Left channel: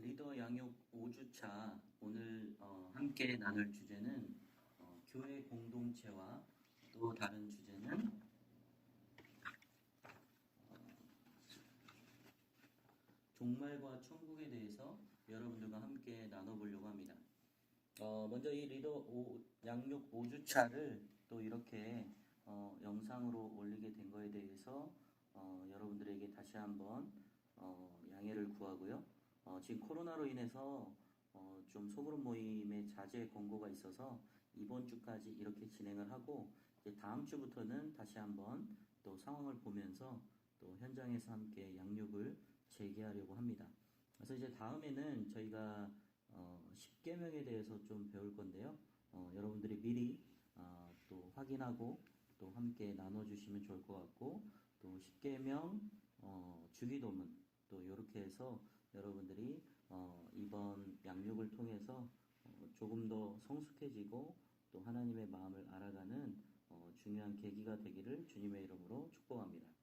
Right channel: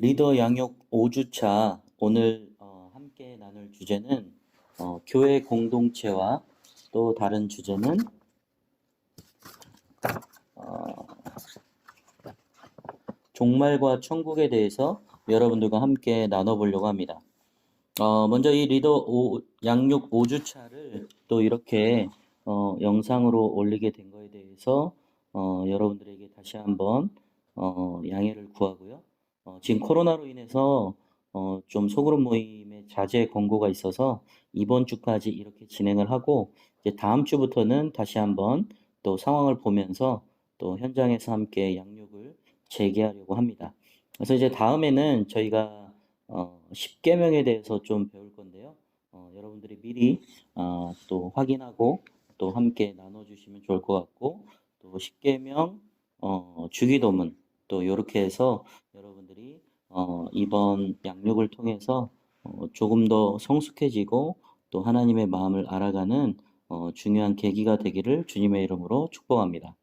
리더 양육 5주차 오늘 함께 나눌 주제는 교회 공동체와 또 다른 주제는 어, 종말과 천국에 대해서 여러분들과 함께 나눠보려고 합니다. 먼저 이 양육 5주차를 또 이렇게 영상으로 올리게 된 거에 대해서 여러분들에게 다시 한번 양해를 구하고요. 지금 코로나로 인해서 좀 소그룹 모임의 자제 권고가 있어서 이번 주까지 이렇게 진행을 하고 이제 다음 주부터는 다시 한번 또 상황을 보면서 또 현장에서 함께 양육을 재개하려고 합니다. 그래서 이제 다음에는 저희가 10계명에 대해서 좀 배울 건데요. 여러분들이 미리 또 확인하고 또 함께 나눠주시면 좋을 것 같고 또 10계명 주기도문 또 이렇게 해서 여러분들이 이번 양육을 통해서 조금 더 성숙해지고 또 하나님의 마음을 알아가는 중요한 계기가 되기를 주님의 이름으로 축복합니다.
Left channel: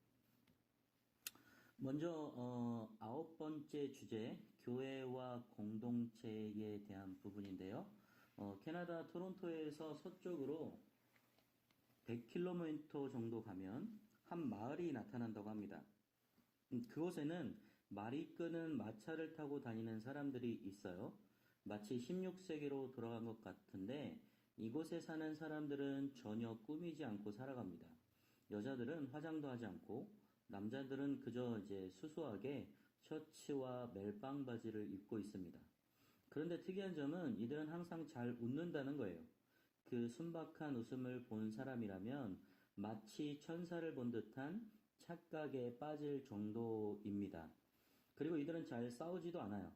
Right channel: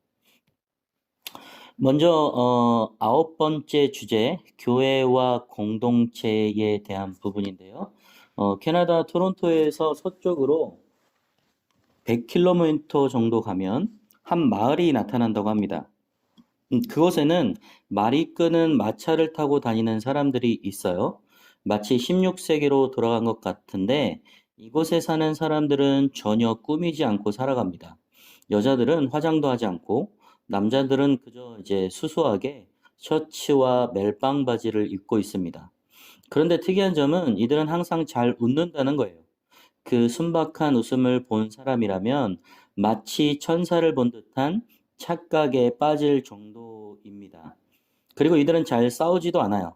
먼저 9번째 주제, 교회와 공동체에 대한 부분인데요. 캐나다 토론토에서 서쪽으로 100km 정도 가면 한 마을이 나타난다고 합니다. 그곳에는 말이 끄는 마차를 타고 다니는 사람들이 있어요. 마치 16세기로 돌아간 것 같은데 이곳에 사는 사람들은 전혀 꾸미지 않고 살아갑니다. 여자들은 화장도 하지 않고 남자들은 그저 이제 수수하게 셔츠와 멜빵 바지를 입고 있습니다. 그런데 특이한 점은 이들은 항상 잘 웃는다는 거예요. 그 순박한 웃음을 본 사람이라면 마치 천사를 본 듯한 착각에 빠질 정도입니다. 그리고 이들은 잘 싸우지도 않아요.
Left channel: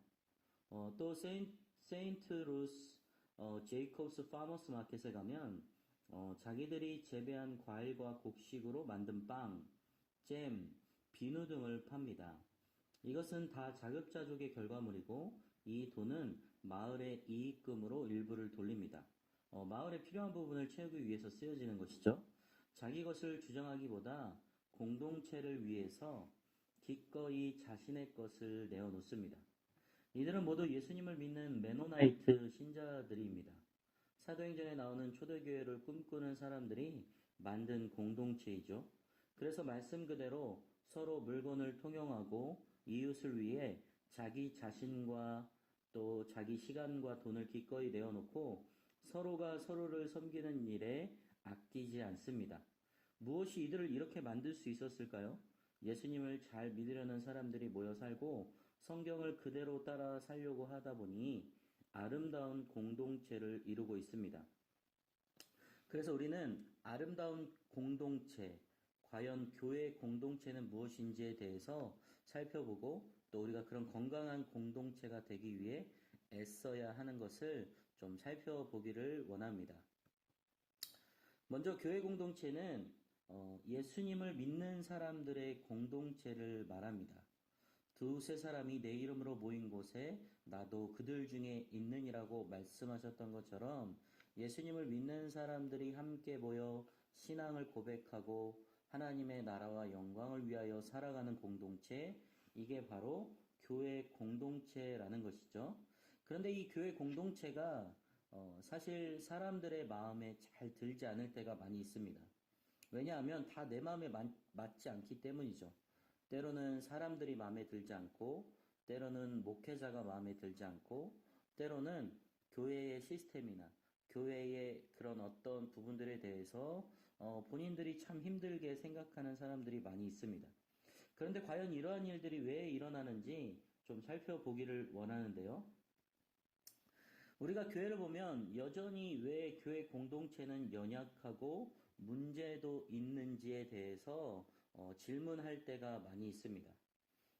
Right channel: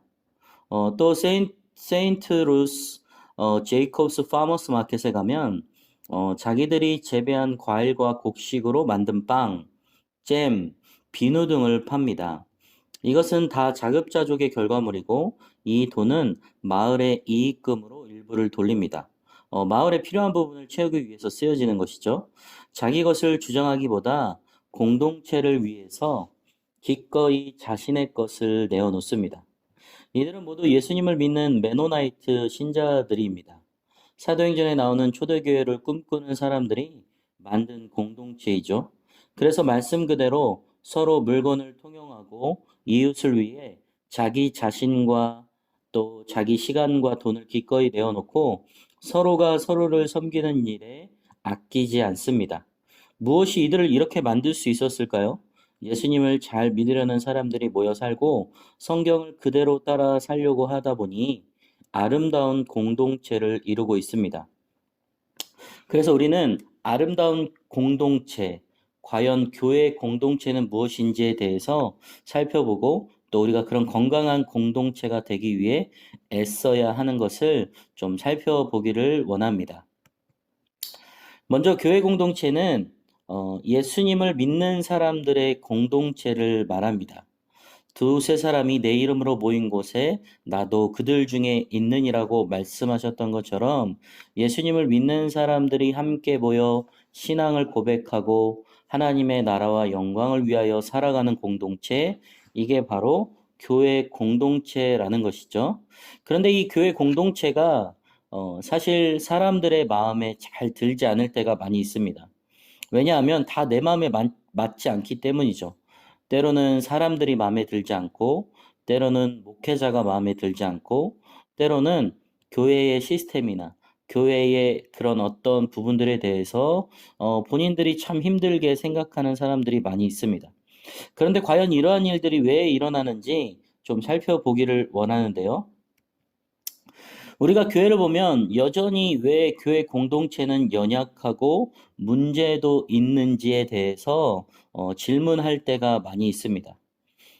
또 세인트 루스 제이콥스 파머스 마켓에 가면 자기들이 재배한 과일과 곡식으로 만든 빵, 잼, 비누 등을 팝니다. 이것은 다 자급자족의 결과물이고 이 돈은 마을의 이익금으로 일부를 돌립니다. 마을에 필요한 부분을 채우기 위해서 쓰여지는 것이죠. 자기 것을 주장하기보다 공동체를 위해서 기꺼이 자신의 것을 내어놓습니다. 이들은 모두 예수님을 믿는 메노나이트 신자들입니다. 사도행전에 나오는 초대교회를 꿈꾸는 사람들이 만든 공동체이죠. 그래서 말씀 그대로 서로 물건을 통용하고 이웃을 위해 자기 자신과 또 자기 시간과 돈을 기꺼이 내어놓고 서로가 서로를 섬기는 일에 아끼지 않습니다. 무엇이 이들을 이렇게 만들 수 있었을까요? 예수님을 잘 믿으려는 사람들이 모여 살고 성경을 그대로 따라 살려고 하다 보니 아름다운 공동체를 이루고 있습니다. 그래서 우리는 아름다운 공동체, 과연 교회 공동체는 무엇인지에 대해서 살펴보고 또 우리가 그런 건강한 공동체가 되기 위해 애써야 하는 것을 좀 살펴보기를 원합니다. 먼저 교회 공동체는 예수님을 믿는 사람들의 공동체를 말합니다. 두세 사람이 내 이름으로 모인 곳에 나도 그들 중에 있느니라고 말씀하셨던 것처럼 예수님을 믿는 사람들이 함께 모여 신앙을 고백하고 하나님의 나라와 영광을 위하여 살아가는 공동체, 이게 바로 교회 공동체라는 것이죠. 그런데 이 교회 공동체가 사실 사람들의 마음에 잘 들지 않을 때가 많이 있습니다. 왜냐하면 다 내 마음에 맞지 않기 때문이죠. 때로는 사람들이 마음에 들지 않고, 때로는 목회자가 마음에 들지 않고, 때로는 교회의 시스템이나 교회의 그런 어떤 부분들에 대해서 본인들이 참 힘들게 생각하는 사람들이 많이 있습니다. 그런데 과연 이러한 일들이 왜 일어나는지 좀 살펴보기를 원하는데요. 우리가 교회를 보면 여전히 왜 교회 공동체는 연약하고 문제도 있는지에 대해서 질문할 때가 많이 있습니다.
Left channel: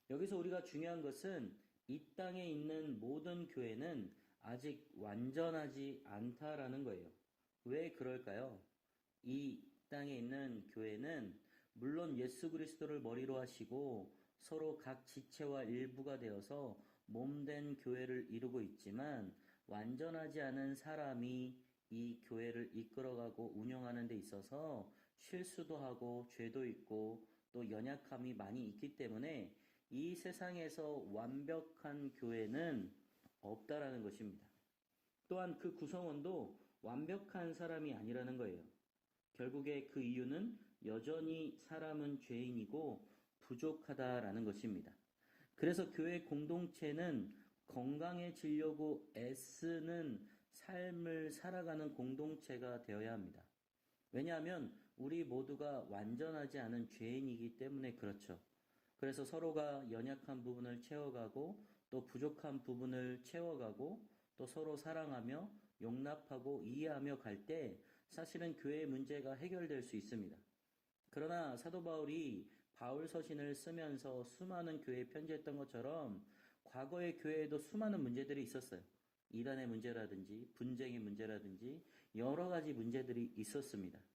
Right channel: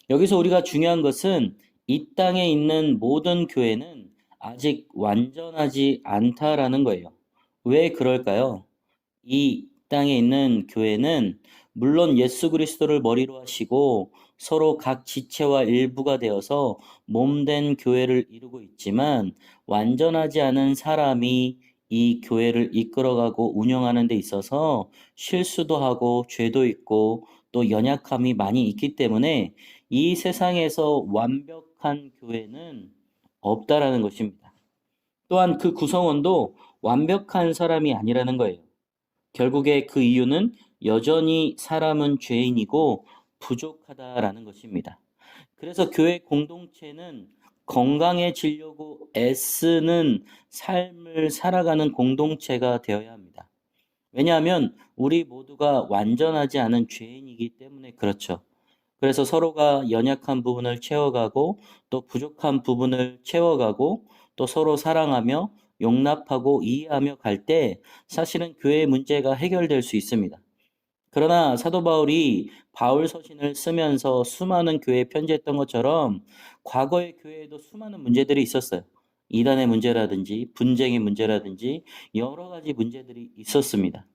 여기서 우리가 중요한 것은 이 땅에 있는 모든 교회는 아직 완전하지 않다라는 거예요. 왜 그럴까요? 이 땅에 있는 교회는 물론 예수 그리스도를 머리로 하시고 서로 각 지체와 일부가 되어서 몸된 교회를 이루고 있지만 완전하지 않은 사람이 이 교회를 이끌어가고 운영하는 데 있어서 실수도 하고 죄도 있고 또 연약함이 많이 있기 때문에 이 세상에서 완벽한 교회는 없다라는 것입니다. 또한 그 구성원도 완벽한 사람이 아니라는 거예요. 결국에 그 이유는 여전히 사람은 죄인이고 부족하다라는 것입니다. 그래서 교회 공동체는 건강해지려고 애쓰는 삶을 살아가는 공동체가 되어야 합니다. 왜냐하면 우리 모두가 완전하지 않은 죄인이기 때문에 그렇죠. 그래서 서로가 연약한 부분을 채워가고 또 부족한 부분을 채워가고 또 서로 사랑하며 용납하고 이해하며 갈 때 사실은 교회의 문제가 해결될 수 있습니다. 그러나 사도 바울이 바울 서신을 쓰면서 수많은 교회에 편지했던 것처럼 과거의 교회에도 수많은 문제들이 있었어요. 이단의 문제라든지 분쟁의 문제라든지 여러 가지 문제들이 있었습니다.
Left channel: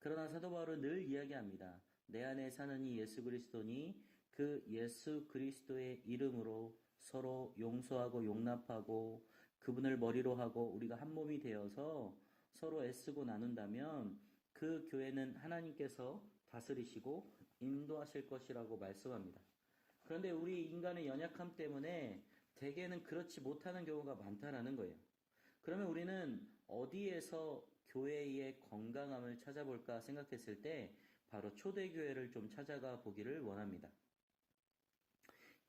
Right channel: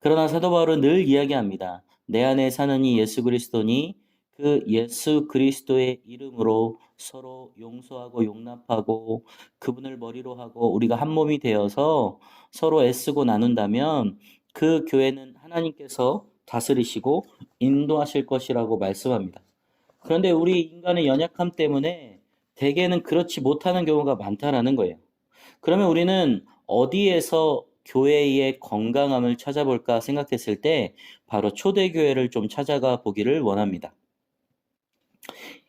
그러나 사도 바울은 늘 이야기합니다. 내 안에 사는 이 예수 그리스도니 그 예수 그리스도의 이름으로 서로 용서하고 용납하고 그분을 머리로 하고 우리가 한 몸이 되어서 서로 애쓰고 나눈다면 그 교회는 하나님께서 다스리시고 인도하실 것이라고 말씀합니다. 그런데 우리 인간의 연약함 때문에 대개는 그렇지 못하는 경우가 많다라는 거예요. 그러면 우리는 어디에서 교회의 건강함을 찾아볼까 생각했을 때 바로 초대교회를 좀 찾아가 보기를 원합니다.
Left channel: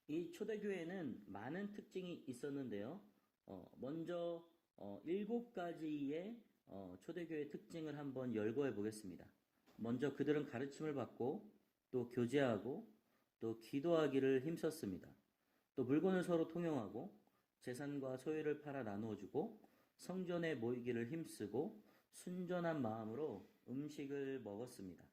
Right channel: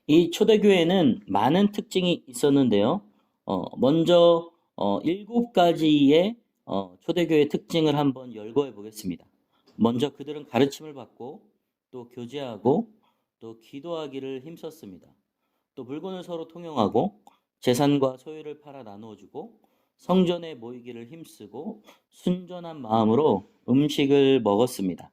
이 초대교회는 많은 특징이 있었는데요. 먼저 7가지의 초대교회 특징을 한번 열거해 보겠습니다. 먼저 그들은 가르침을 받고 또 교제하고 또 기도하기를 힘썼습니다. 또 물건을 서로 통용하고 재산과 소유를 팔아 나누어 주고 성전에 모이기를 힘쓰고 순전한 마음으로 음식을 먹었습니다.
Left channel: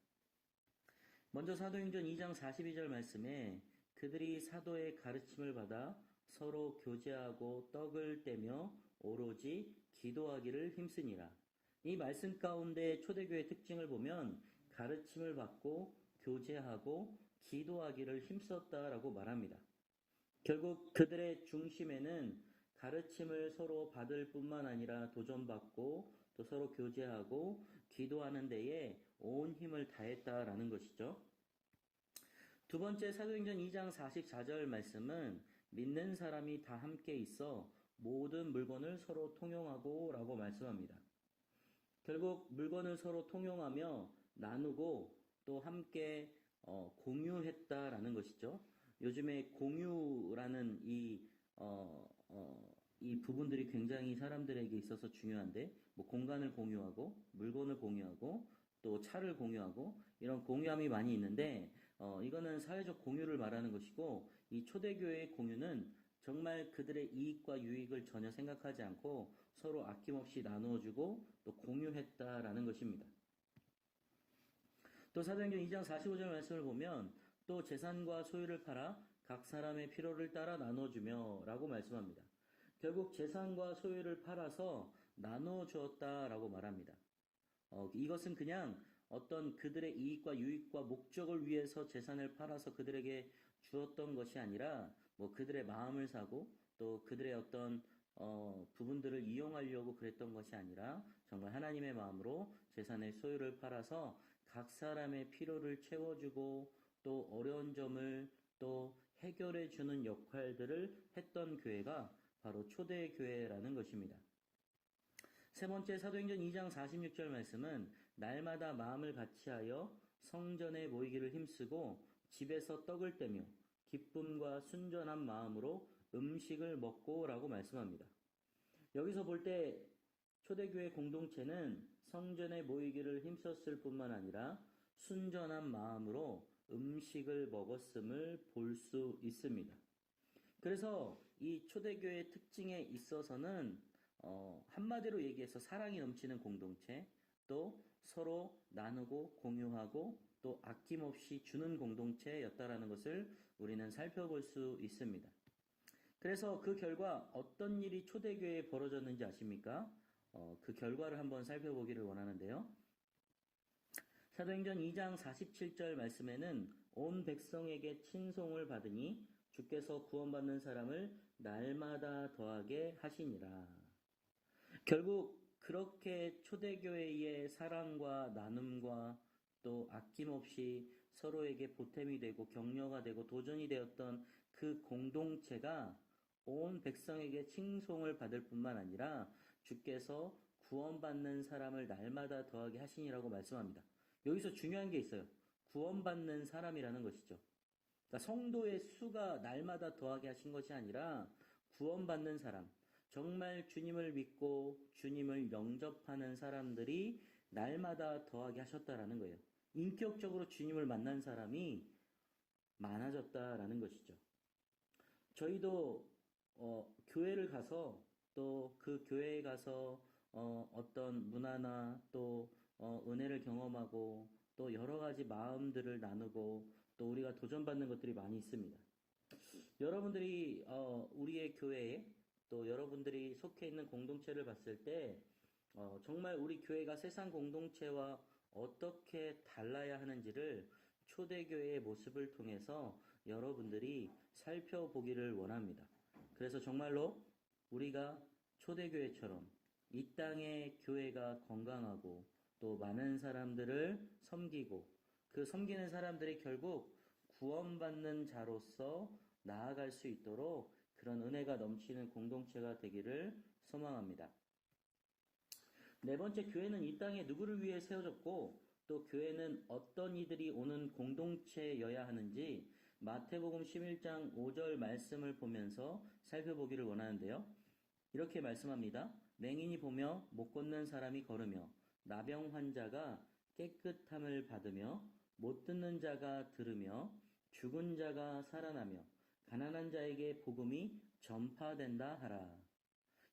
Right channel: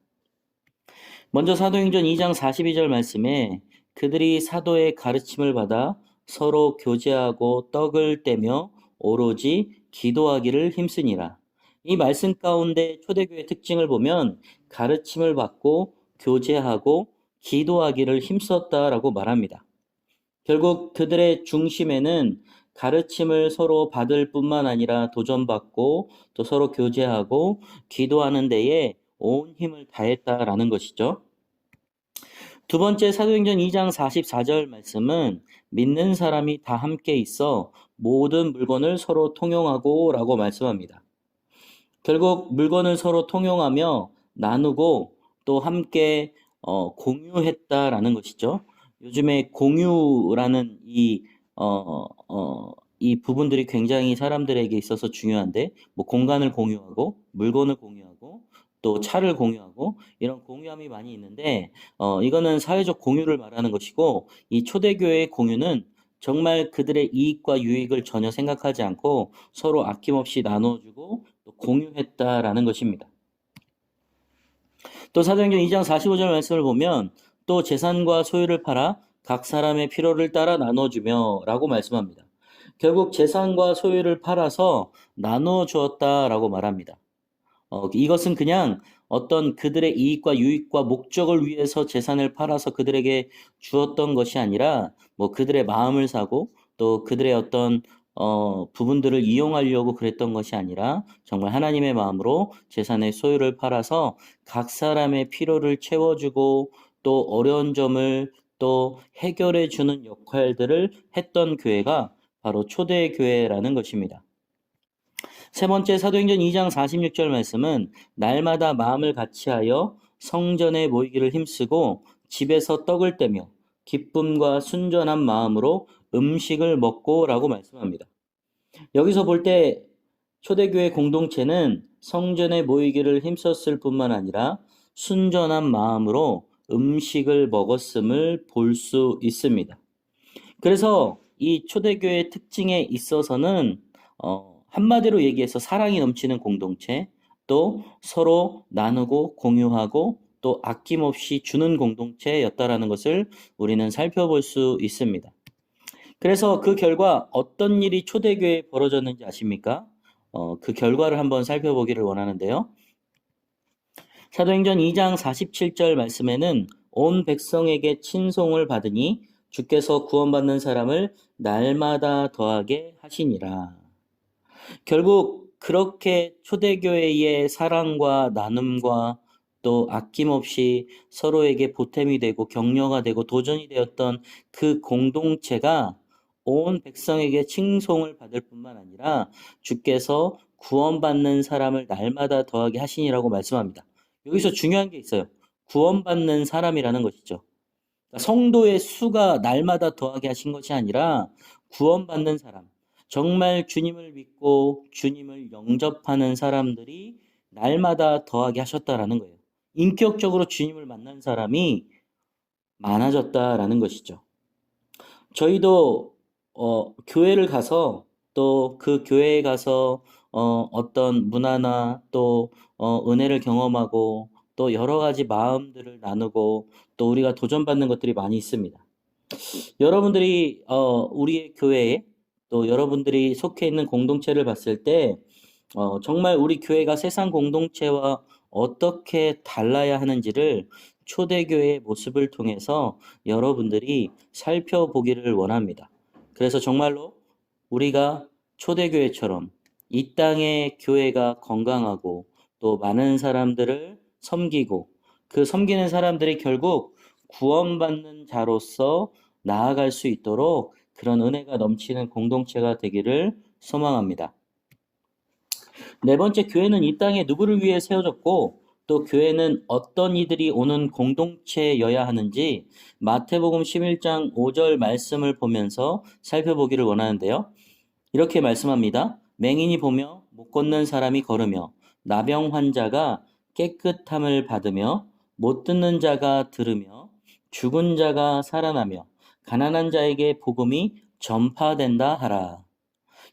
먼저 사도행전 2장 42절 말씀에 그들이 사도의 가르침을 받아 서로 교제하고 떡을 떼며 오로지 기도하기를 힘쓰니라. 이 말씀 가운데 초대교회 특징을 보면 가르침을 받고 교제하고 기도하기를 힘썼다라고 말합니다. 결국 그들의 중심에는 가르침을 서로 받을 뿐만 아니라 도전받고 또 서로 교제하고 기도하는 데에 온 힘을 다했다라는 것이죠. 두 번째 사도행전 2장 44절 말씀은 믿는 사람이 다 함께 있어 모든 물건을 서로 통용하고 라고 말씀합니다. 결국 물건을 서로 통용하며 나누고 또 함께 공유했다라는 것이죠. 요즘에 공유라는 이 부분들이 굉장히 사람들에게 있어서 중요한데, 뭐 공간을 공유하고, 물건을 공유하고, 또 차를 공유하고, 이런 공유함이 많이 있는데, 이거는 사회적 공유를 말하는 것이고, 이 초대교회의 공유는 정말 그들의 이익과 유익을 전혀 생각하지 않고 서로 아낌없이 나눠주고 또 공유했다라는 것입니다. 또 사도행전 2장 45절 말씀을 보면 또 재산과 소유를 팔아 각 사람의 필요를 따라 나눠주며 라고 말씀합니다. 결국 재산과 소유를 팔아서 나눠 주었다라고 말합니다. 이것은 그냥 어떤 그들의 이익과 유익과 목적을 위해서 재산을 팔아서 그들에게 주었던 것이 아니라 뭐 그들의 마음을 사고 또 그들의 어떤 부분들을 이용하려고 그랬던 것이 아니라 정말 하나님의 마음으로 재산의 소유를 팔아서 각 사람의 필요를 채워주고 또 어려운 점을 또 해결해 주는 역할들을 했던 교회가 바로 초대교회라는 것입니다. 세 번째 사도행전 2장 46절 말씀은 날마다 마음을 같이하여 성전에 모이기를 힘쓰고 집에서 떡을 떼며 기쁨과 순전한 마음으로 음식을 먹고라고 말씀합니다. 여기서 볼 때 초대교회 공동체는 성전에 모이기를 힘썼을 뿐만 아니라 순전한 마음으로 음식을 먹었음을 볼 수 있습니다. 그래서 이 초대교회의 특징에 있어서는 한마디로 얘기해서 사랑이 넘치는 공동체, 또 서로 나누고 공유하고 또 아낌없이 주는 공동체였다라는 것을 우리는 살펴볼 수 있습니다. 그래서 그 결과 어떤 일이 초대교회에 벌어졌는지 아십니까? 그 결과를 한번 살펴보기를 원하는데요. 사도행전 2장 47절 말씀에는 온 백성에게 친송을 받으니 주께서 구원받는 사람을 날마다 더하게 하시니라. 결국 그렇게 초대교회의 사랑과 나눔과 또 아낌없이 서로에게 보탬이 되고 격려가 되고 도전이 되었던 그 공동체가 온 백성에게 칭송을 받을 뿐만 아니라 주께서 구원받는 사람을 날마다 더하게 하시니라고 말씀합니다. 여기서 중요한 게 있어요. 구원받는 사람이라는 것이죠. 그러니까 성도의 수가 날마다 더하게 하신 것이 아니라 구원받는 사람, 정말 주님을 믿고 주님을 영접하는 사람들이 날마다 더하게 하셨다라는 거예요. 인격적으로 주님을 만난 사람이 많아졌다라는 것이죠. 저희도 교회를 가서 또 그 교회에 가서 어떤 문화나 또 은혜를 경험하고 또 여러 가지 마음들을 나누고 또 우리가 도전받는 것들이 많이 있습니다. 여러분들이 우리의 교회에 또 여러분들이 속해 있는 공동체를 봤을 때 정말 우리 교회가 세상 공동체와 어떻게 달라야 하는지를 초대교회의 모습을 통해서 여러분들이 살펴보기를 원합니다. 그래서 정말로 우리가 초대교회처럼 이 땅의 교회가 건강하고 또 많은 사람들을 섬기고 그 섬기는 사람들이 결국 구원받는 자로서 나아갈 수 있도록 그런 은혜가 넘치는 공동체가 되기를 소망합니다. 네 번째, 교회는 이 땅에 누구를 위해 세워졌고 또 교회는 어떤 이들이 오는 공동체여야 하는지 마태복음 11장 5절 말씀을 보면서 살펴보기를 원하는데요. 이렇게 말씀합니다. 맹인이 보며 못 걷는 사람이 걸으며 나병 환자가 깨끗함을 받으며 못 듣는 자가 들으며 죽은 자가 살아나며 가난한 자에게 복음이 전파된다 하라.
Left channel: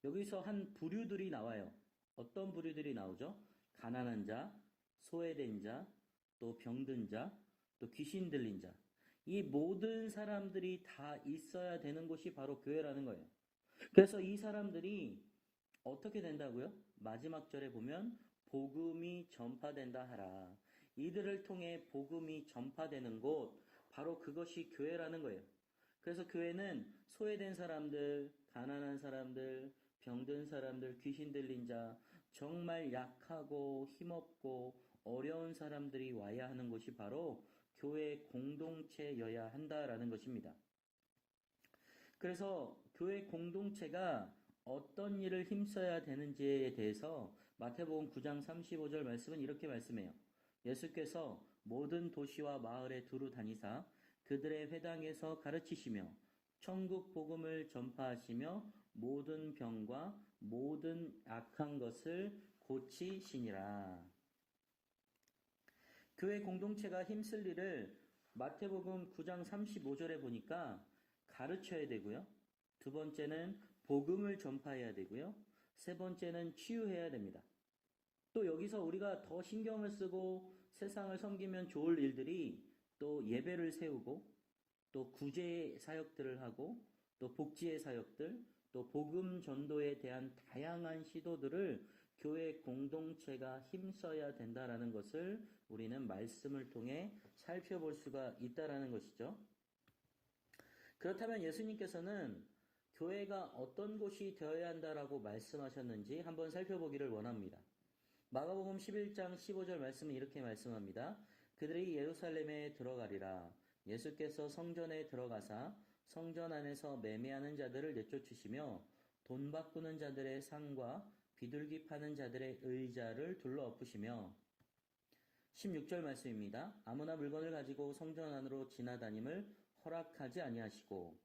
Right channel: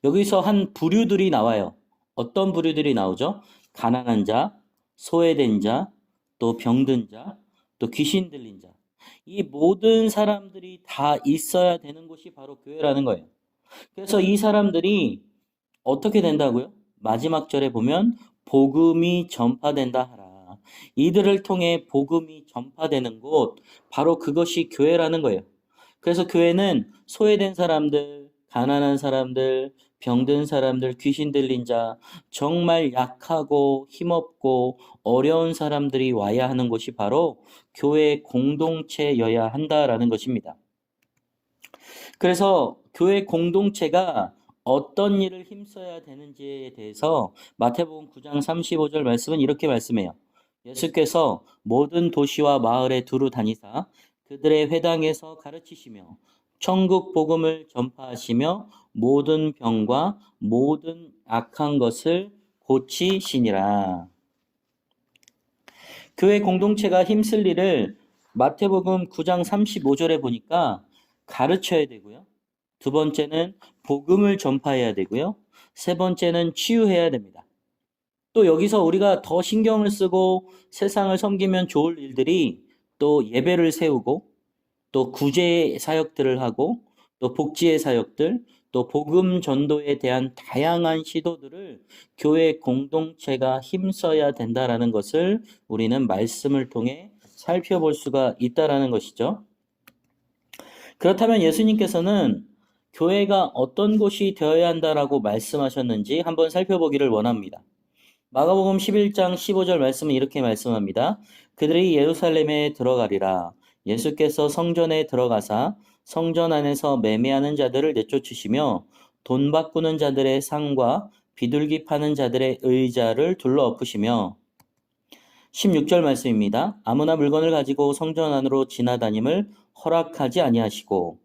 여기서 한 부류들이 나와요. 어떤 부류들이 나오죠? 가난한 자, 소외된 자, 또 병든 자, 또 귀신 들린 자. 이 모든 사람들이 다 있어야 되는 곳이 바로 교회라는 거예요. 그래서 이 사람들이 어떻게 된다고요? 마지막 절에 보면 복음이 전파된다 하라. 이들을 통해 복음이 전파되는 곳, 바로 그것이 교회라는 거예요. 그래서 교회는 소외된 사람들, 가난한 사람들, 병든 사람들, 귀신 들린 자, 정말 약하고 힘없고 어려운 사람들이 와야 하는 곳이 바로 교회 공동체여야 한다라는 것입니다. 그래서 교회 공동체가 어떤 일을 힘써야 되는지에 대해서 마태복음 9장 35절 말씀은 이렇게 말씀해요. 예수께서 모든 도시와 마을에 두루 다니사 그들의 회당에서 가르치시며 천국 복음을 전파하시며 모든 병과 모든 악한 것을 고치시니라. 교회 공동체가 힘쓸 일을 마태복음 9장 35절에 보니까 가르쳐야 되고요. 두 번째는 복음을 전파해야 되고요. 세 번째는 치유해야 됩니다. 또 여기서 우리가 더 신경을 쓰고 세상을 섬기면 좋을 일들이 또 예배를 세우고 또 구제 사역들을 하고 또 복지의 사역들 또 복음 전도에 대한 다양한 시도들을 교회 공동체가 힘써야 된다라는 것을 우리는 말씀을 통해 살펴볼 수가 있다라는 것이죠. 그렇다면 예수님께서는 교회가 어떤 곳이 되어야 한다라고 말씀하셨는지 한번 살펴보기를 원합니다. 마가복음 11장 15절 말씀은 이렇게 말씀합니다. 그들이 예루살렘에 들어가리라. 예수께서 성전에 들어가사 성전 안에서 매매하는 자들을 내쫓으시며 돈 바꾸는 자들의 상과 비둘기 파는 자들의 의자를 둘러 엎으시며 16절 말씀입니다. 아무나 물건을 가지고 성전 안으로 지나다님을 허락하지 아니하시고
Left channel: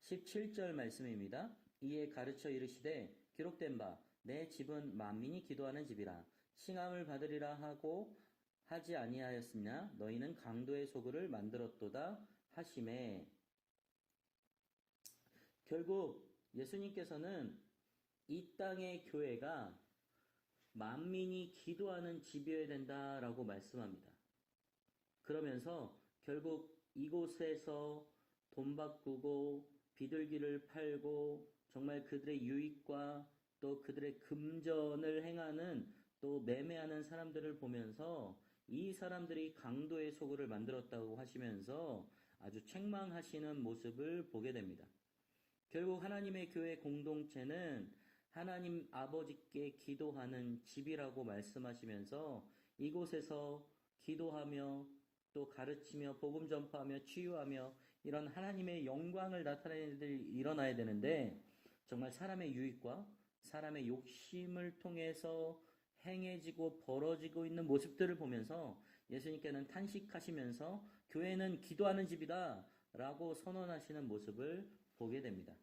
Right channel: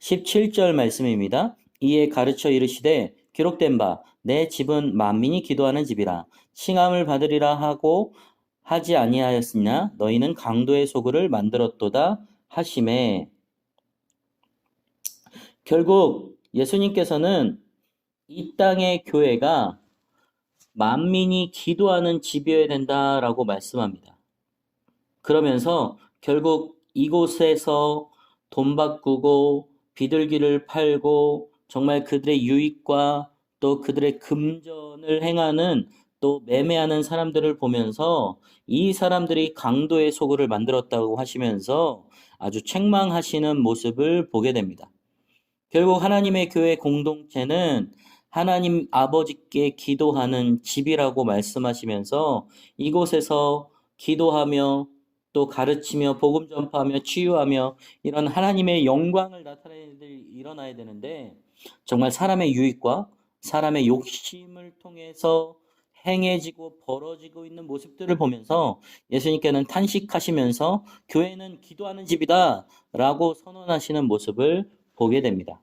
17절 말씀입니다. 이에 가르쳐 이르시되 기록된 바 내 집은 만민이 기도하는 집이라 칭함을 받으리라 하고 하지 아니하였으냐 너희는 강도의 소굴을 만들었도다 하심에 결국 예수님께서는 이 땅의 교회가 만민이 기도하는 집이어야 된다라고 말씀합니다. 그러면서 결국 이곳에서 돈 바꾸고 비둘기를 팔고 정말 그들의 유익과 또 그들의 금전을 행하는 또 매매하는 사람들을 보면서 이 사람들이 강도의 소굴을 만들었다고 하시면서 아주 책망하시는 모습을 보게 됩니다. 결국 하나님의 교회 공동체는 하나님 아버지께 기도하는 집이라고 말씀하시면서 이곳에서 기도하며 또 가르치며 복음 전파하며 치유하며 이런 하나님의 영광을 나타내는 일들이 일어나야 되는데 정말 사람의 유익과 사람의 욕심을 통해서 행해지고 벌어지고 있는 모습들을 보면서 예수님께는 탄식하시면서 교회는 기도하는 집이다 라고 선언하시는 모습을 보게 됩니다.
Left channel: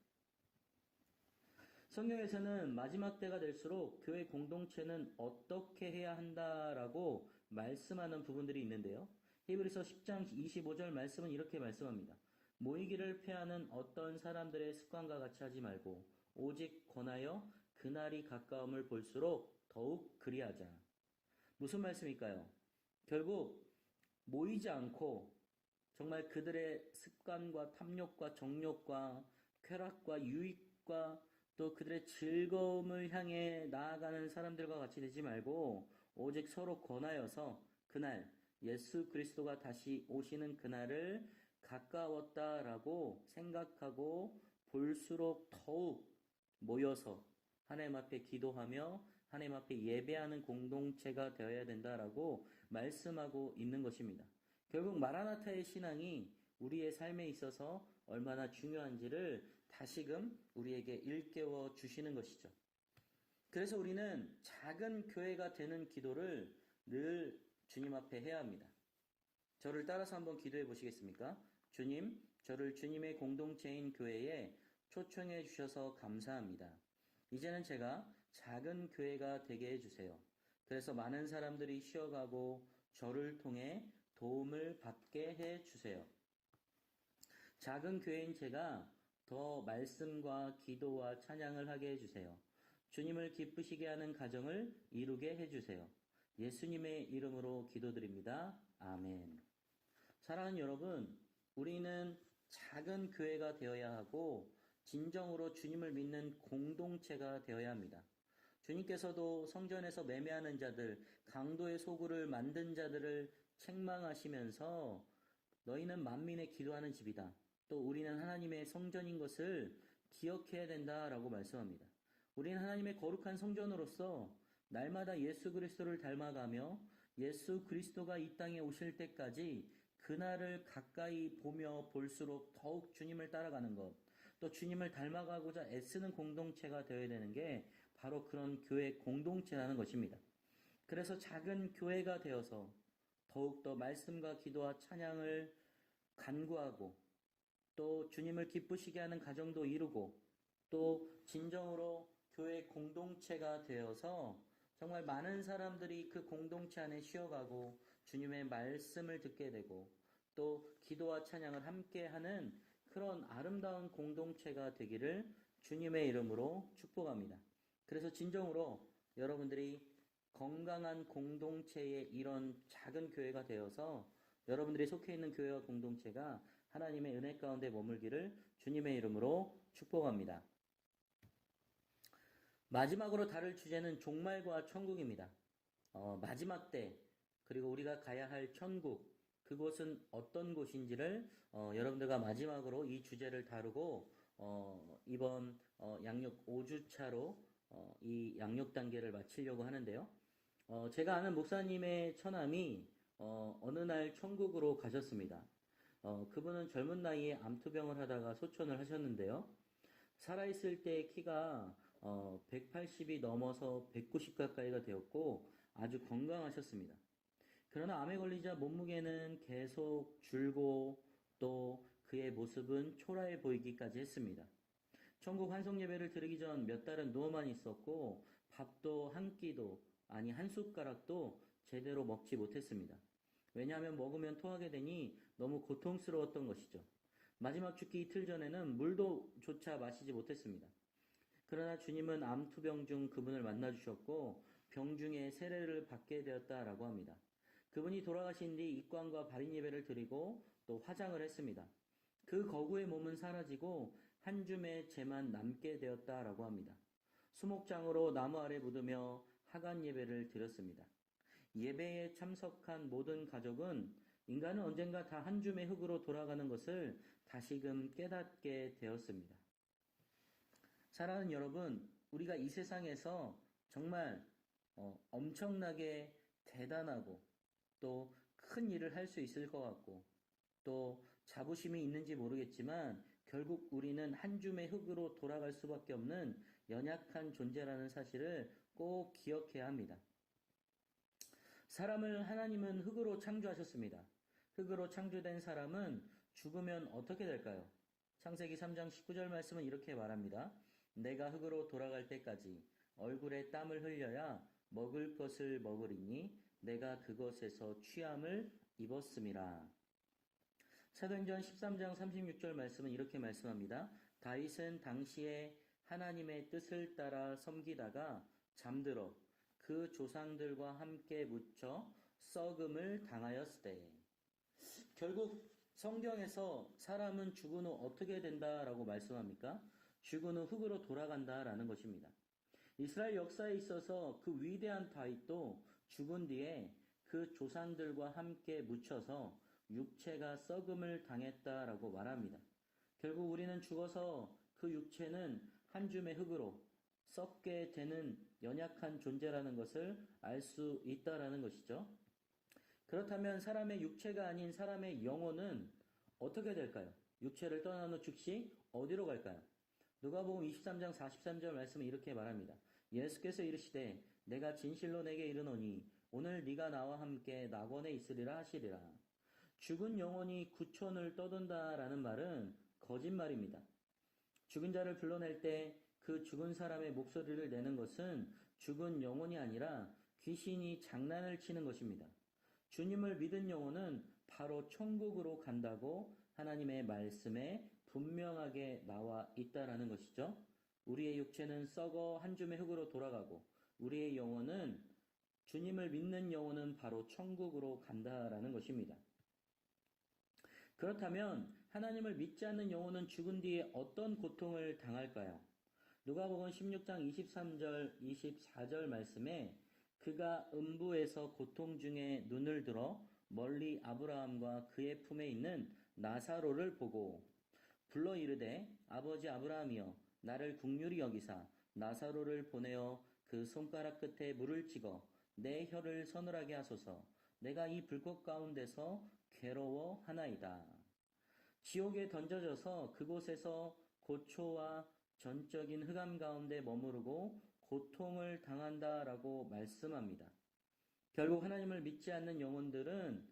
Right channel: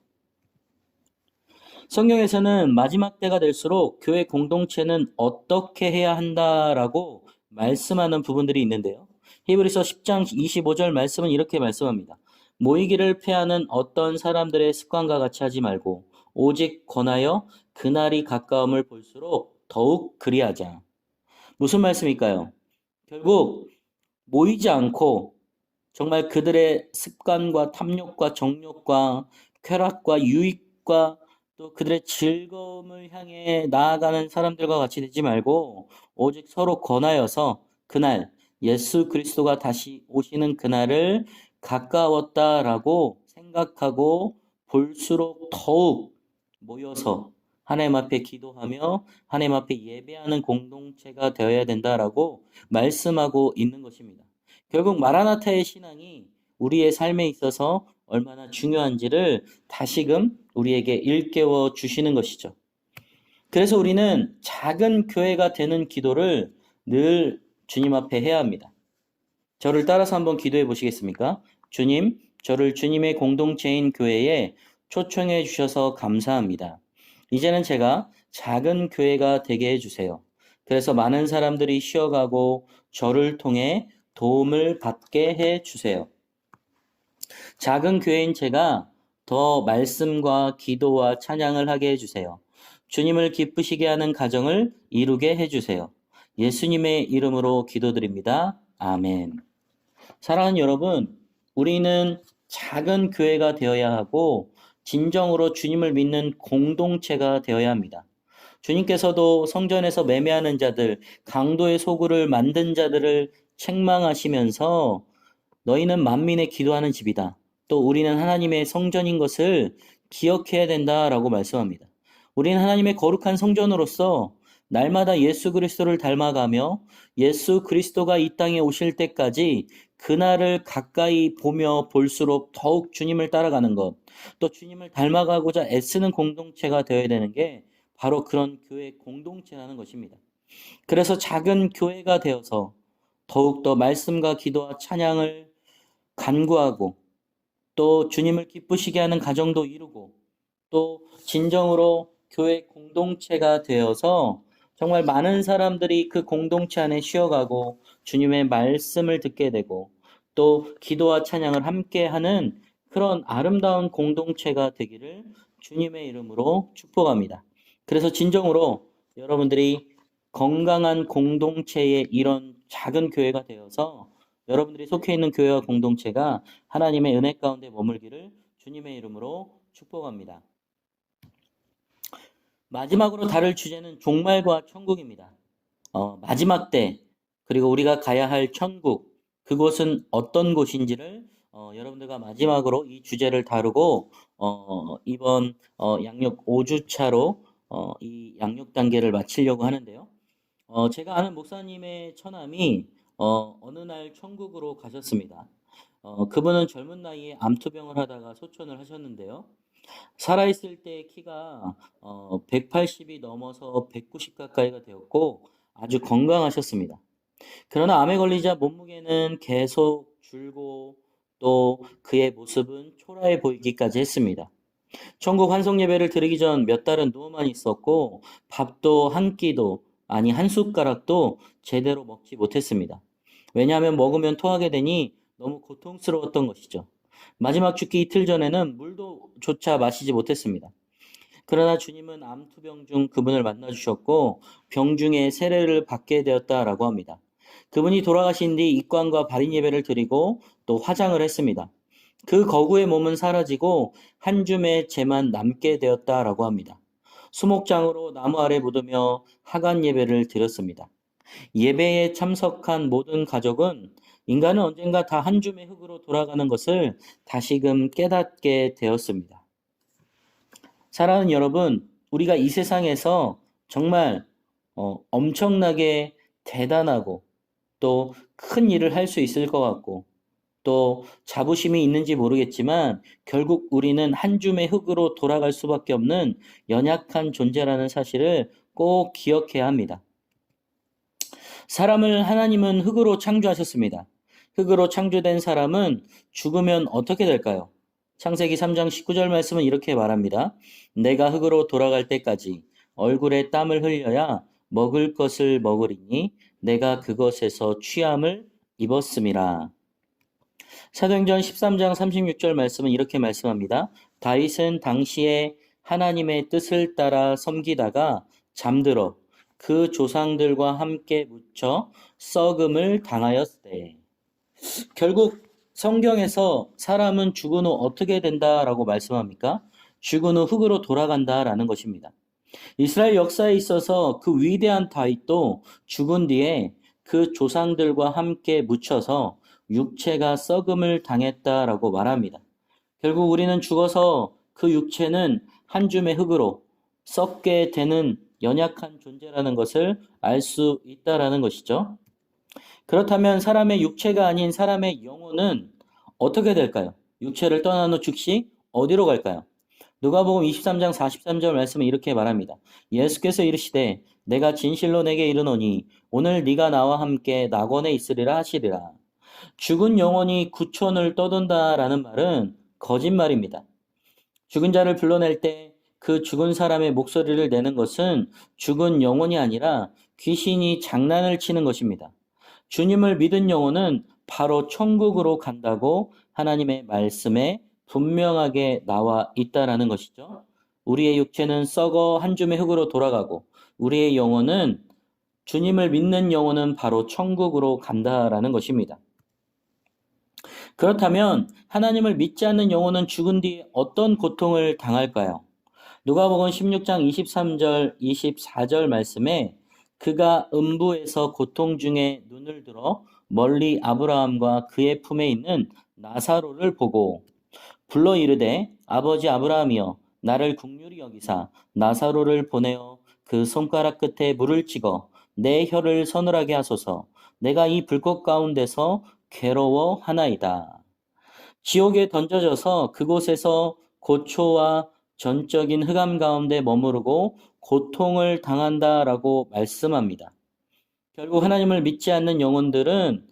성경에서는 마지막 때가 될수록 교회 공동체는 어떻게 해야 한다라고 말씀하는 부분들이 있는데요. 히브리서 10장 25절 말씀은 이렇게 말씀합니다. 모이기를 패하는 어떤 사람들의 습관과 같이 하지 말고 오직 권하여 그날이 가까움을 볼수록 더욱 그리하자. 무슨 말씀일까요? 결국 모이지 않고 정말 그들의 습관과 탐욕과 정욕과 쾌락과 유익과 또 그들의 즐거움을 향해 나아가는 사람들과 같이 되지 말고 오직 서로 권하여서 그날 예수 그리스도가 다시 오시는 그날을 가까웠다라고 생각하고 볼수록 더욱 모여서 하나님 앞에 기도하며 하나님 앞에 예배하는 공동체가 되어야 된다라고 말씀하고 있는 것입니다. 결국 마라나타의 신앙이 우리의 삶에 있어서 얼마나 중요한지를 다시금 우리에게 일깨워 주시는 것이죠. 그래서 우리는 작은 교회가 되는 기도를 늘 주님 앞에 해야 합니다. 저를 따라서 한번 기도해 보시겠습니까? 주님, 저를 주님의 공동체인 교회에 초청해 주셔서 감사합니다. 이제는 제가 작은 교회가 되게 해주세요. 그래서 많은 사람들이 쉬어가고 저를 통해 도움을 받게 해주세요. 작은 교회인 제가 더 말씀과 기도와 찬양을 하게 해주세요. 주님을 기쁘시게 하는 가정을 이루게 해주세요. 예수님의 이름으로 기도드립니다. 아멘. 사랑하는 여러분, 우리는 작은 교회가 되어야 하고 진정으로 주님을 믿는 공동체가 되어야 합니다. 주님께서도 성전에서 매매하는 자들, 강도의 소굴을 만든 자들을 책망하시면서 너희는 만민의 기도하는 집이다. 또 우리는 하나님의 성전인 것을 기억해야 된다라고 말씀합니다. 우리는 하나님의 거룩한 성전으로서 날마다 예수 그리스도를 닮아가며 예수 그리스도가 이 땅에 오실 때까지 그날을 가까이 보며 볼수록 더욱 주님을 따라가는 것, 또 주님을 닮아가고자 애쓰는 공동체가 되어야 되는 게 바로 그런 교회 공동체라는 것입니다. 그래서 작은 교회가 되어서 더욱더 말씀과 기도와 찬양을 간구하고 또 주님을 기쁘시게 하는 가정도 이루고 또 진정으로 교회 공동체가 되어서 정말 많은 사람들이 그 공동체 안에 쉬어가고 주님의 말씀을 듣게 되고 또 기도와 찬양을 함께 하는 그런 아름다운 공동체가 되기를 주님의 이름으로 축복합니다. 그래서 진정으로 여러분들이 건강한 공동체의 이런 작은 교회가 되어서 여러분들이 속해 있는 교회와 공동체가 하나님의 은혜 가운데 머물기를 주님의 이름으로 축복합니다. 마지막으로 다룰 주제는 종말과 천국입니다. 마지막 때 그리고 우리가 가야 할 천국 그곳은 어떤 곳인지를 여러분들과 마지막으로 이 주제를 다루고 이번 양육 5주차로 이 양육 단계를 마치려고 하는데요. 제가 아는 목사님의 처남이 어느 날 천국으로 가셨습니다. 그분은 젊은 나이에 암투병을 하다가 소천을 하셨는데요. 살아있을 때 키가 180이 넘어서 190 가까이가 되었고 아주 건강하셨습니다. 그러나 암에 걸리자 몸무게는 계속 줄고 또 그의 모습은 초라해 보이기까지 했습니다. 천국 환송 예배를 드리기 전 몇 달은 누워만 있었고 밥도 한 끼도 아니 한 숟가락도 제대로 먹지 못했습니다. 왜냐하면 먹으면 토하게 되니 너무 고통스러웠던 것이죠. 마지막 죽기 이틀 전에는 물도 조차 마시지 못했습니다. 그러나 주님은 암투병 중 그분을 만나 주셨고 병중에 세례를 받게 되었다라고 합니다. 그분이 돌아가신 뒤 입관과 발인 예배를 드리고 또 화장을 했습니다. 그 거구의 몸은 사라지고 한 줌의 재만 남게 되었다라고 합니다. 수목장으로 나무 아래 묻으며 하간 예배를 드렸습니다. 예배에 참석한 모든 가족은 인간은 언젠가 다 한 줌의 흙으로 돌아가는 것을 다시금 깨닫게 되었습니다. 사랑하는 여러분, 우리가 이 세상에서 정말 엄청나게 대단하고 또 큰 일을 할 수 있을 것 같고 또 자부심이 있는지 모르겠지만 결국 우리는 한 줌의 흙으로 돌아갈 수밖에 없는 연약한 존재라는 사실을 꼭 기억해야 합니다. 사람을 하나님은 흙으로 창조하셨습니다. 흙으로 창조된 사람은 죽으면 어떻게 될까요? 창세기 3장 19절 말씀은 이렇게 말합니다. 내가 흙으로 돌아갈 때까지 얼굴에 땀을 흘려야 먹을 것을 먹으리니 내가 그것에서 취함을 입었음이라. 사도행전 13장 36절 말씀은 이렇게 말씀합니다. 다윗은 당시에 하나님의 뜻을 따라 섬기다가 잠들어 그 조상들과 함께 묻혀 썩음을 당하였으되. 결국 성경에서 사람은 죽은 후 어떻게 된다라고 말씀합니까? 죽은 후 흙으로 돌아간다라는 것입니다. 이스라엘 역사에 있어서 그 위대한 다윗도 죽은 뒤에 그 조상들과 함께 묻혀서 육체가 썩음을 당했다라고 말합니다. 결국 우리는 죽어서 그 육체는 한 줌의 흙으로 썩게 되는 연약한 존재라는 것을 알 수 있다라는 것이죠. 그렇다면 사람의 육체가 아닌 사람의 영혼은 어떻게 될까요? 육체를 떠난 후 즉시 어디로 갈까요? 누가복음 23장 43절 말씀은 이렇게 말합니다. 예수께서 이르시되 내가 진실로 내게 이르노니 오늘 네가 나와 함께 낙원에 있으리라 하시리라. 죽은 영혼이 구천을 떠돈다라는 말은 거짓말입니다. 죽은 자를 불러낼 때 그 죽은 사람의 목소리를 내는 것은 죽은 영혼이 아니라 귀신이 장난을 치는 것입니다. 주님을 믿은 영혼은 바로 천국으로 간다고 하나님의 말씀에 분명하게 나와 있다라는 것이죠. 우리의 육체는 썩어 한 줌의 흙으로 돌아가고 우리의 영혼은 주님을 믿는 영혼은 바로 천국으로 간다라는 것입니다. 그렇다면 하나님을 믿지 않는 영혼은 죽은 뒤 어떤 고통을 당할까요? 누가복음 16장 23절 24절 말씀에 그가 음부에서 고통 중에 눈을 들어 멀리 아브라함과 그의 품에 있는 나사로를 보고 불러 이르되 아버지 아브라함이여 나를 긍휼히 여기사 나사로를 보내어 그 손가락 끝에 물을 찍어 내 혀를 서늘하게 하소서. 내가 이 불꽃 가운데서 괴로워하나이다. 지옥에 던져져서 그곳에서 고초와 전적인 흑암 가운데 머무르고 고통을 당한다라고 말씀합니다. 결국 하나님을 믿지 않는 영혼들은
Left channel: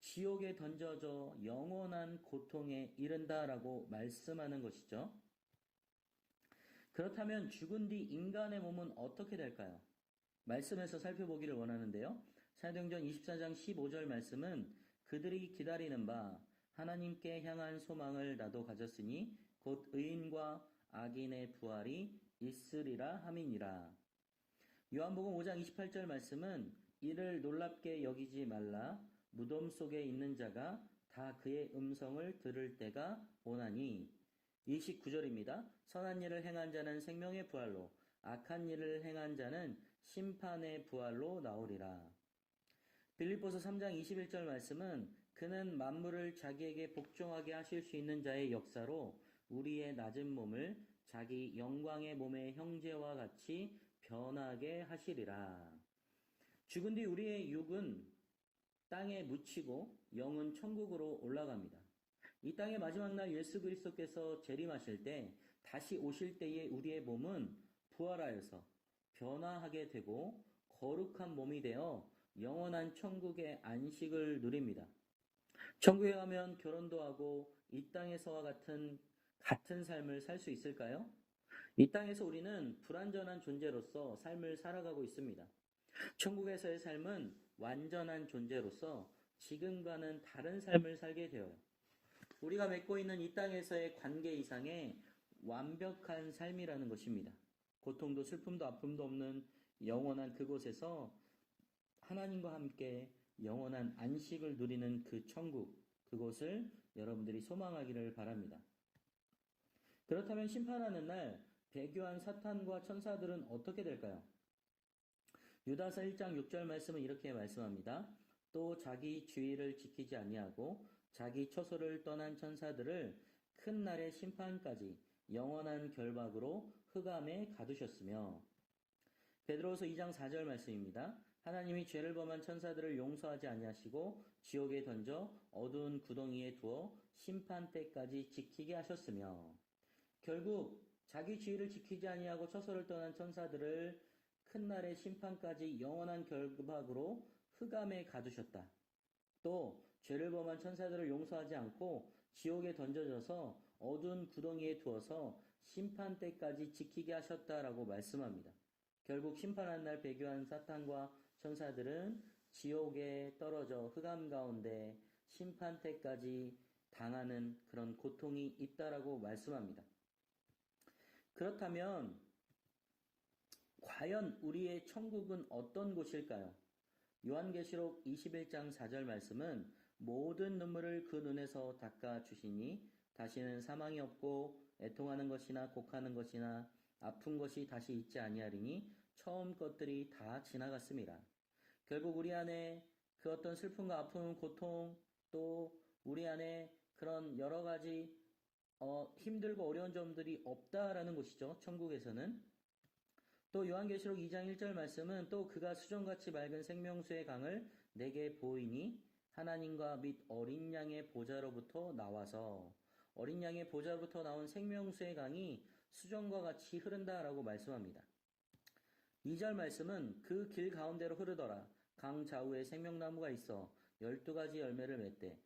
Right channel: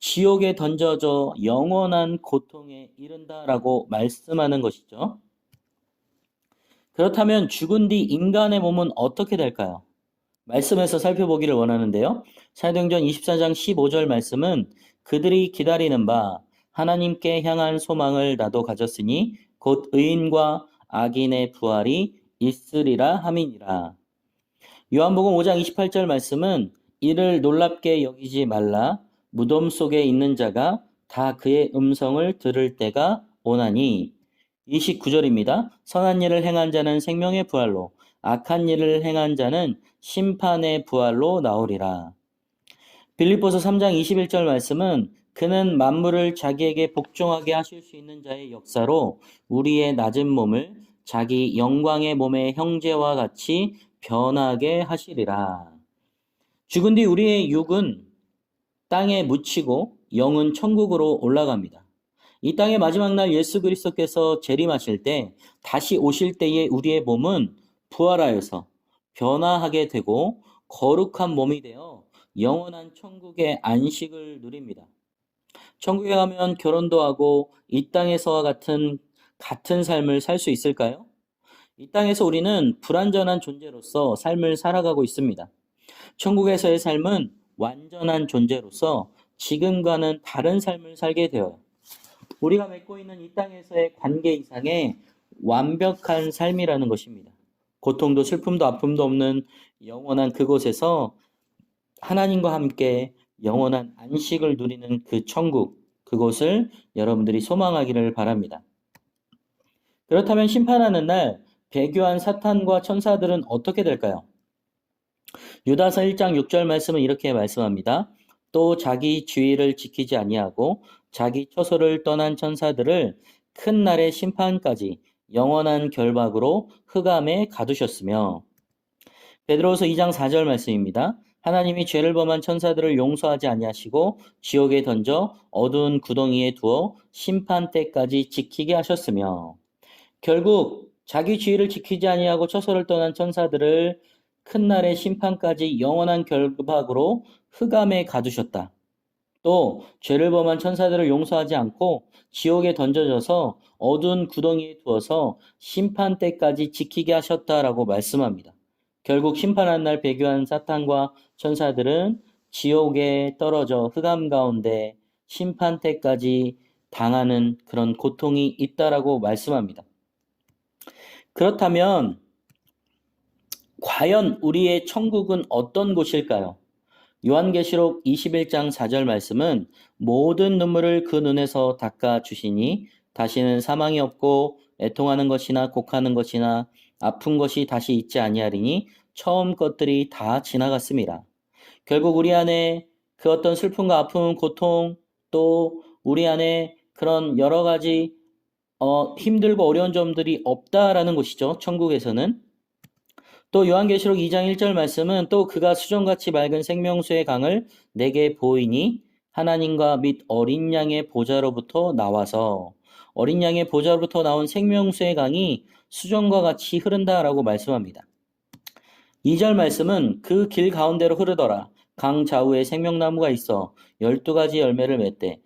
지옥에 던져져 영원한 고통에 이른다라고 말씀하는 것이죠. 그렇다면 죽은 뒤 인간의 몸은 어떻게 될까요? 말씀에서 살펴보기를 원하는데요. 사도행전 24장 15절 말씀은 그들이 기다리는 바 하나님께 향한 소망을 나도 가졌으니 곧 의인과 악인의 부활이 있으리라 함이니라. 요한복음 5장 28절 말씀은 이를 놀랍게 여기지 말라 무덤 속에 있는 자가 다 그의 음성을 들을 때가 오나니. 29절입니다. 선한 일을 행한 자는 생명의 부활로 악한 일을 행한 자는 심판의 부활로 나오리라. 빌립보서 3장 21절 말씀은 그는 만물을 자기에게 복종하게 하실 수 있는 자의 역사로 우리의 낮은 몸을 자기 영광의 몸의 형제와 같이 변하게 하시리라. 죽은 뒤 우리의 육은 땅에 묻히고 영은 천국으로 올라갑니다. 이 땅의 마지막 날 예수 그리스도께서 재림하실 때 다시 오실 때에 우리의 몸은 부활하여서 변화하게 되고 거룩한 몸이 되어 영원한 천국의 안식을 누립니다. 천국에 가면 결혼도 하고 이 땅에서와 같은 삶을 살 수 있을까요? 이 땅에서 우리는 불완전한 존재로서 삶을 살아가고 있습니다. 천국에서의 삶은 완전한 존재로서 지금과는 다른 삶을 살게 되어요. 우리가 맺고 있는 이 땅에서의 관계 이상의 완벽한 삶이라는 것입니다. 고통도 슬픔도 아픔도 없는 영원한 그곳에서 하나님과 함께 영원한 안식을 누리는 그 천국, 그곳을 여러분들이 소망하기를 바랍니다. 그렇다면 심판하는 날 배교한 사탄과 천사들은 어떻게 될까요? 유다서 1장 6절 말씀은 이렇게 말씀합니다. 또 자기 주의를 지키지 아니하고 자기 처소를 떠난 천사들을 큰 날의 심판까지 영원한 결박으로 흑암에 가두셨으며. 베드로서 2장 4절 말씀입니다. 하나님이 죄를 범한 천사들을 용서하지 아니하시고 지옥에 던져 어두운 구덩이에 두어 심판 때까지 지키게 하셨으며 결국 자기 지위를 지키지 아니하고 처소를 떠난 천사들을 큰 날의 심판까지 영원한 결박으로 흑암에 가두셨다. 또 죄를 범한 천사들을 용서하지 않고 지옥에 던져져서 어두운 구덩이에 두어서 심판 때까지 지키게 하셨다라고 말씀합니다. 결국 심판한 날 배교한 사탄과 천사들은 지옥에 떨어져 흑암 가운데 심판 때까지 당하는 그런 고통이 있다라고 말씀합니다. 그렇다면 과연 우리의 천국은 어떤 곳일까요? 요한계시록 21장 4절 말씀은 모든 눈물을 그 눈에서 닦아 주시니 다시는 사망이 없고 애통하는 것이나 곡하는 것이나 아픈 것이 다시 있지 아니하리니 처음 것들이 다 지나갔습니다. 결국 우리 안에 그 어떤 슬픔과 아픔, 고통 또 우리 안에 그런 여러 가지 힘들고 어려운 점들이 없다라는 것이죠. 천국에서는. 또 요한계시록 2장 1절 말씀은 또 그가 수정같이 맑은 생명수의 강을 내게 보이니 하나님과 및 어린 양의 보좌로부터 나와서 어린 양의 보좌로부터 나온 생명수의 강이 수정과 같이 흐른다라고 말씀합니다. 2절 말씀은 그 길 가운데로 흐르더라. 강 좌우에 생명나무가 있어 12가지 열매를 맺되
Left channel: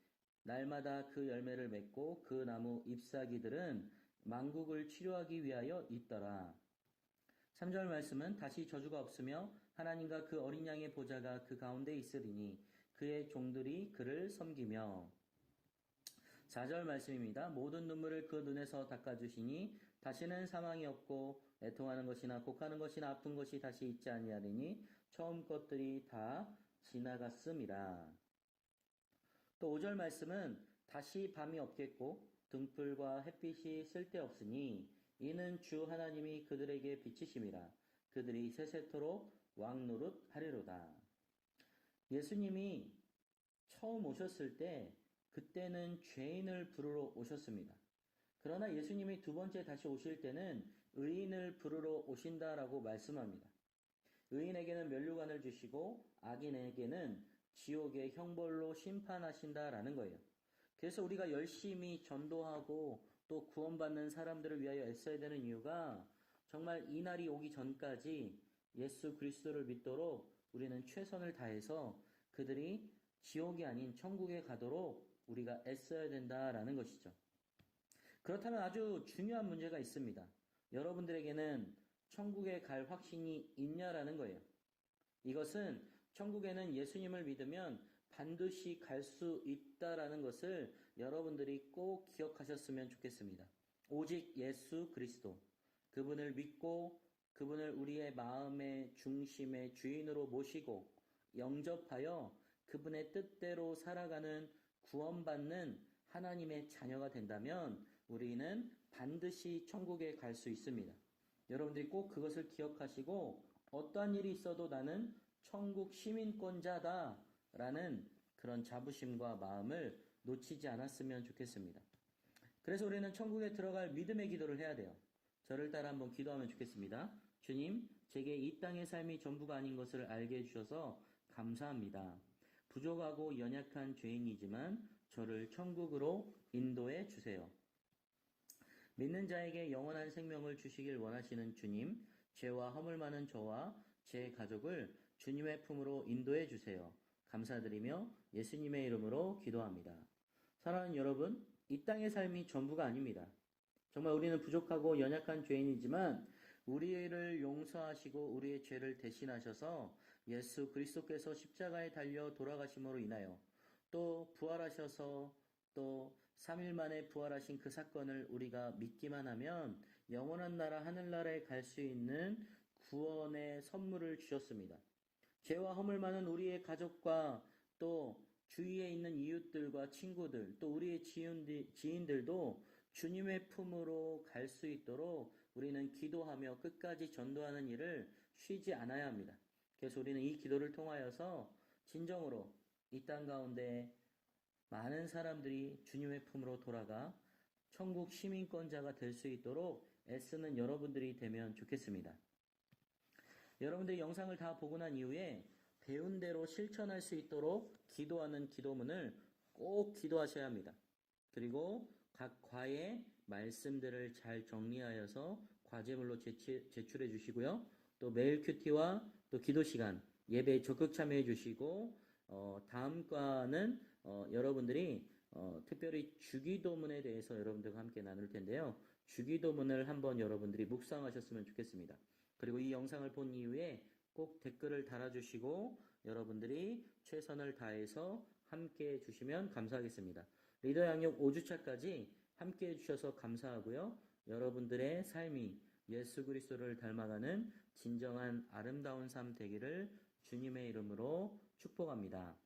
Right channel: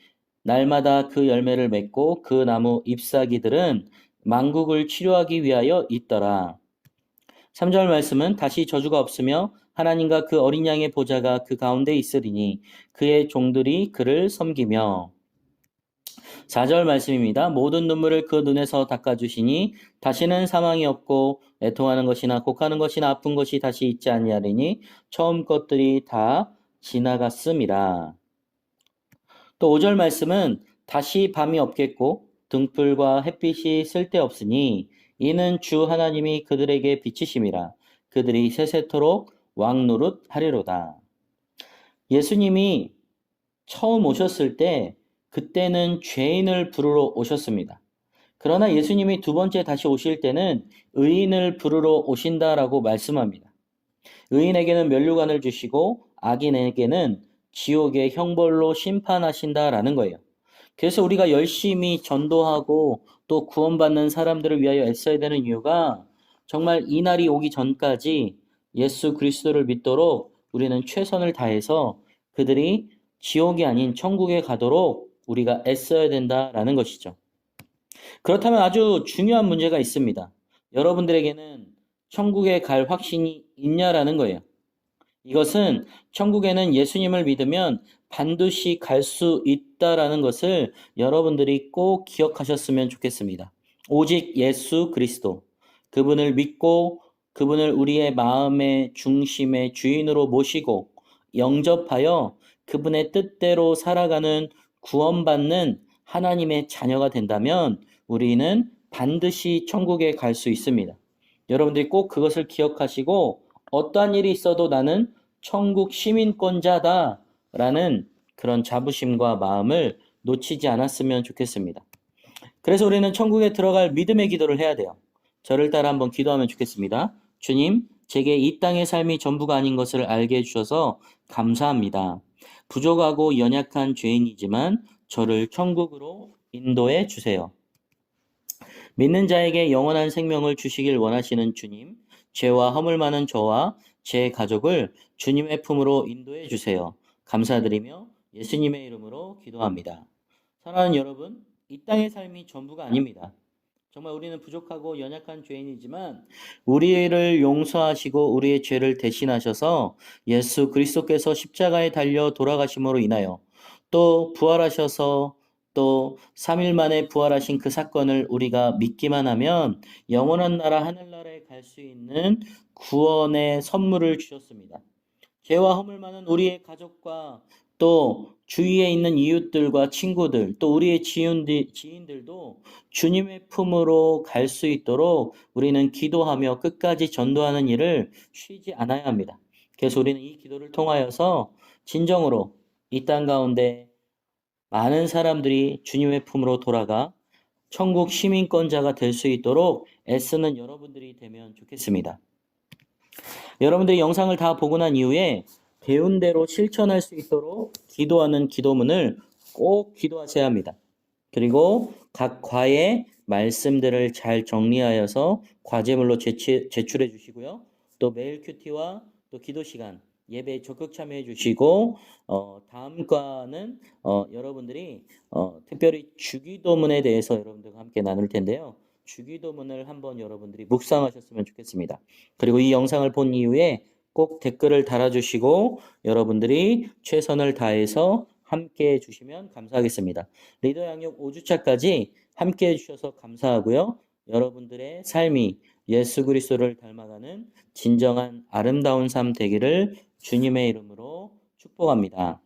날마다 그 열매를 맺고 그 나무 잎사귀들은 만국을 치료하기 위하여 있더라. 3절 말씀은 다시 저주가 없으며 하나님과 그 어린 양의 보좌가 그 가운데 있으리니 그의 종들이 그를 섬기며 4절 말씀입니다. 모든 눈물을 그 눈에서 닦아주시니 다시는 사망이 없고 애통하는 것이나 곡하는 것이나 아픈 것이 다시 있지 아니하리니 처음 것들이 다 지나갔음이라. 또 5절 말씀은 다시 밤이 없겠고 등불과 햇빛이 쓸데없으니 이는 주 하나님이 그들에게 비치심이라. 그들이 세세토록 왕노릇 하리로다. 예수님이 처음 오셨을 때 그때는 죄인을 부르러 오셨습니다. 그러나 예수님이 두 번째 다시 오실 때는 의인을 부르러 오신다라고 말씀합니다. 의인에게는 면류관을 주시고 악인에게는 지옥의 형벌로 심판하신다라는 거예요. 그래서 우리가 열심히 전도하고 또 구원받는 사람들을 위하여 애써야 되는 이유가 정말 이 날이 오기 전까지 예수 그리스도를 믿도록 우리는 최선을 다해서 그들이 지옥이 아닌 천국에 가도록 우리가 애써야 된다라는 것이죠. 그렇다면 아주 중요한 문제가 있습니다. 여러분들에게는 천국에 갈 확신이 있냐라는 거예요. 이것은 천국에는 예수님을 믿으면 반드시 갈 수 있다라는 것을 여러분들이 꼭 기억하셨으면 좋겠습니다. 오직 예수 그리스도, 그분을 믿고 그분을 우리의 마음의 중심의 주인으로 모시고 영접하여 그분의 뜻대로 살아가는 구원받는 하나님의 자녀가 된다면 우리는 반드시 천국에 갈 수 있습니다. 여러분들이 꼭 그것을 기억하시고 어떠한 일이 있어도 나는 천국 시민권자다라는 그런 자부심과 마음을 놓치지 않았으면 좋겠습니다. 그래서 우리는 천국에 들어갈 믿음의 기도를 해야 돼요. 저를 따라 한번 기도하면 좋겠습니다. 주님, 제게 이 땅의 삶이 전부가 아닌 것을 알게 해주셔서 감사합니다. 부족하고 연약한 죄인이지만 저를 천국으로 인도해 주세요. 믿는 자에게 영원한 생명을 주시길 원하시는 주님, 죄와 허물 많은 저와 제 가족을 주님의 품으로 인도해 주세요. 감사드리며 예수님의 이름으로 기도합니다. 사랑하는 여러분, 이 땅의 삶이 전부가 아닙니다. 정말 우리는 부족하고 연약한 죄인이지만 우리를 용서하시고 우리의 죄를 대신하셔서 예수 그리스도께서 십자가에 달려 돌아가심으로 인하여 또 부활하셔서 또 3일 만에 부활하신 그 사건을 우리가 믿기만 하면 영원한 나라 하늘나라에 갈 수 있는 구원의 선물을 주셨습니다. 죄와 허물 많은 우리의 가족과 또 주위에 있는 이웃들과 친구들 또 우리의 지인들도 주님의 품으로 갈 수 있도록 우리는 기도하며 끝까지 전도하는 일을 쉬지 않아야 합니다. 그래서 우리는 이 기도를 통하여서 진정으로 이 땅 가운데 많은 사람들이 주님의 품으로 돌아가 천국 시민권자가 될 수 있도록 애쓰는 여러분들이 되면 좋겠습니다. 여러분들이 영상을 다 보고 난 이후에 배운 대로 실천할 수 있도록 기도하는 기도문을 꼭 기도하셔야 합니다. 그리고 각 과의 말씀들을 잘 정리하여서 과제물로 제출해 주시고요. 또 메일 큐티와 또 기도 시간 예배에 적극 참여해 주시고 다음 과는 여러분들이 특별히 주기도문에 대해서 여러분들과 함께 나눌 텐데요. 주기도문을 한번 여러분들이 묵상하셨으면 좋겠습니다. 그리고 이 영상을 본 이후에 꼭 댓글을 달아주시고 여러분들이 최선을 다해서 함께 해주시면 감사하겠습니다. 리더 양육 5주차까지 함께 해주셔서 감사하고요. 여러분들의 삶이 예수 그리스도를 닮아가는 진정한 아름다운 삶 되기를 주님의 이름으로 축복합니다.